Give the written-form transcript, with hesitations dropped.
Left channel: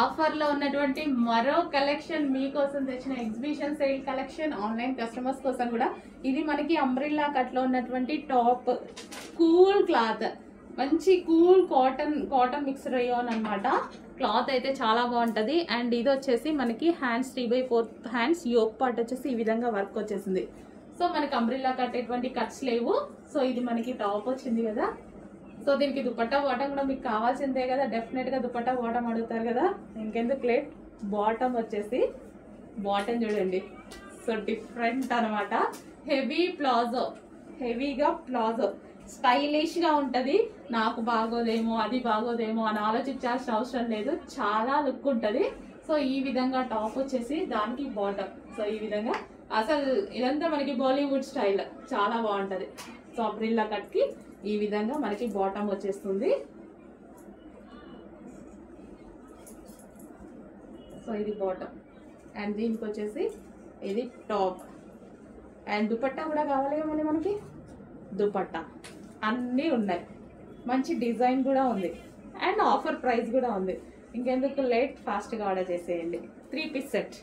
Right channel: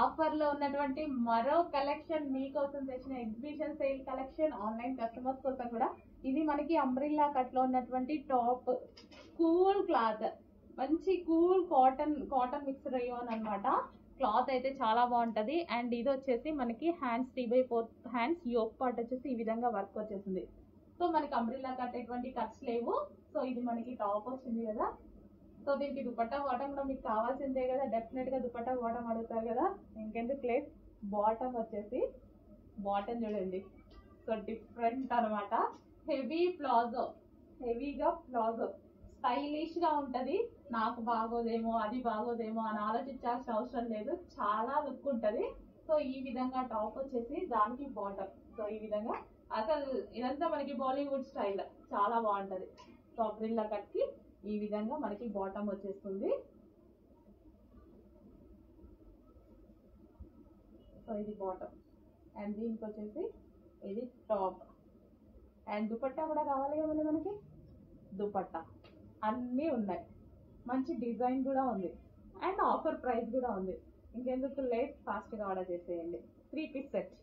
ఆఫర్లో ఉన్నటువంటి మరో కలెక్షన్ మీకోసం తెచ్చిన exhibition sale collection online customers కోసం కూడా. ఇది మనకి అంబ్రిల్లా కట్లో ఉన్నటువంటి టాప్, కూల్ క్లాత్, మంచి కూల్ కాటన్ మిక్స్ రేయాన్ అనమాట. క్లాత్ అయితే చాలా బాగుంటుంది. అండ్ ఇది వచ్చేసి మనకి హ్యాండ్స్ 3/4 హ్యాండ్స్, యోక్ పార్ట్ వచ్చేసి ఈ విధంగా వర్క్ వచ్చేసింది. సో మనకి అంబ్రిల్లా కట్టేటువంటి కట్స్ లేవు. సో ఇది మనకి టాప్ వచ్చింది కదా. సో దీనికి దుపట్టా బాటం కూడా మీకు కావాల్సిందే కదా, డెఫినెట్గా దుపట్టా బాటం అడుగుతారు కదా. ఇంకెందుకు లేట్, బాటం వచ్చేసి బాటం చూడండి. సో డిఫరెంట్ అనమాట. హెవీ ప్లాజో, హెవీగా ప్లాజో, స్టైలిష్గా ఉంటుంది. నాకు బాగోదేమో అది బాగోదేమో అని ఆలోచించాల్సిన అవసరం లేదు, చాలా లుక్ ఉంటుంది. సో ఈ విధంగా టాప్ వచ్చేసి దానికి బాటం. సో ఈ విధంగా అసలు ఇదంతా మనకి బాలీవుడ్ స్టైల్, చాలా బాగుంటుంది. సో అంబ్రిల్లా కట్కి ఈ విధంగా మనకి బాటమ్ వచ్చేస్తుంది. సో ఇది బాటమ్ అండ్ దీనికి వచ్చేసి ఇది టాప్. అండ్ దుపట్టా కూడా కావాలి కదా మనకి, దుపట్టా అన్నీ ఉన్నాయి. మంచి డిజైన్ కూడా ఉంది అండ్ ఆఫర్ ప్రైస్ కూడా ఉంది. ఇంకెందుకు లేట్, ఫాస్ట్గా ఆర్డర్ చేసేయండి. 3 పీస్ సెట్.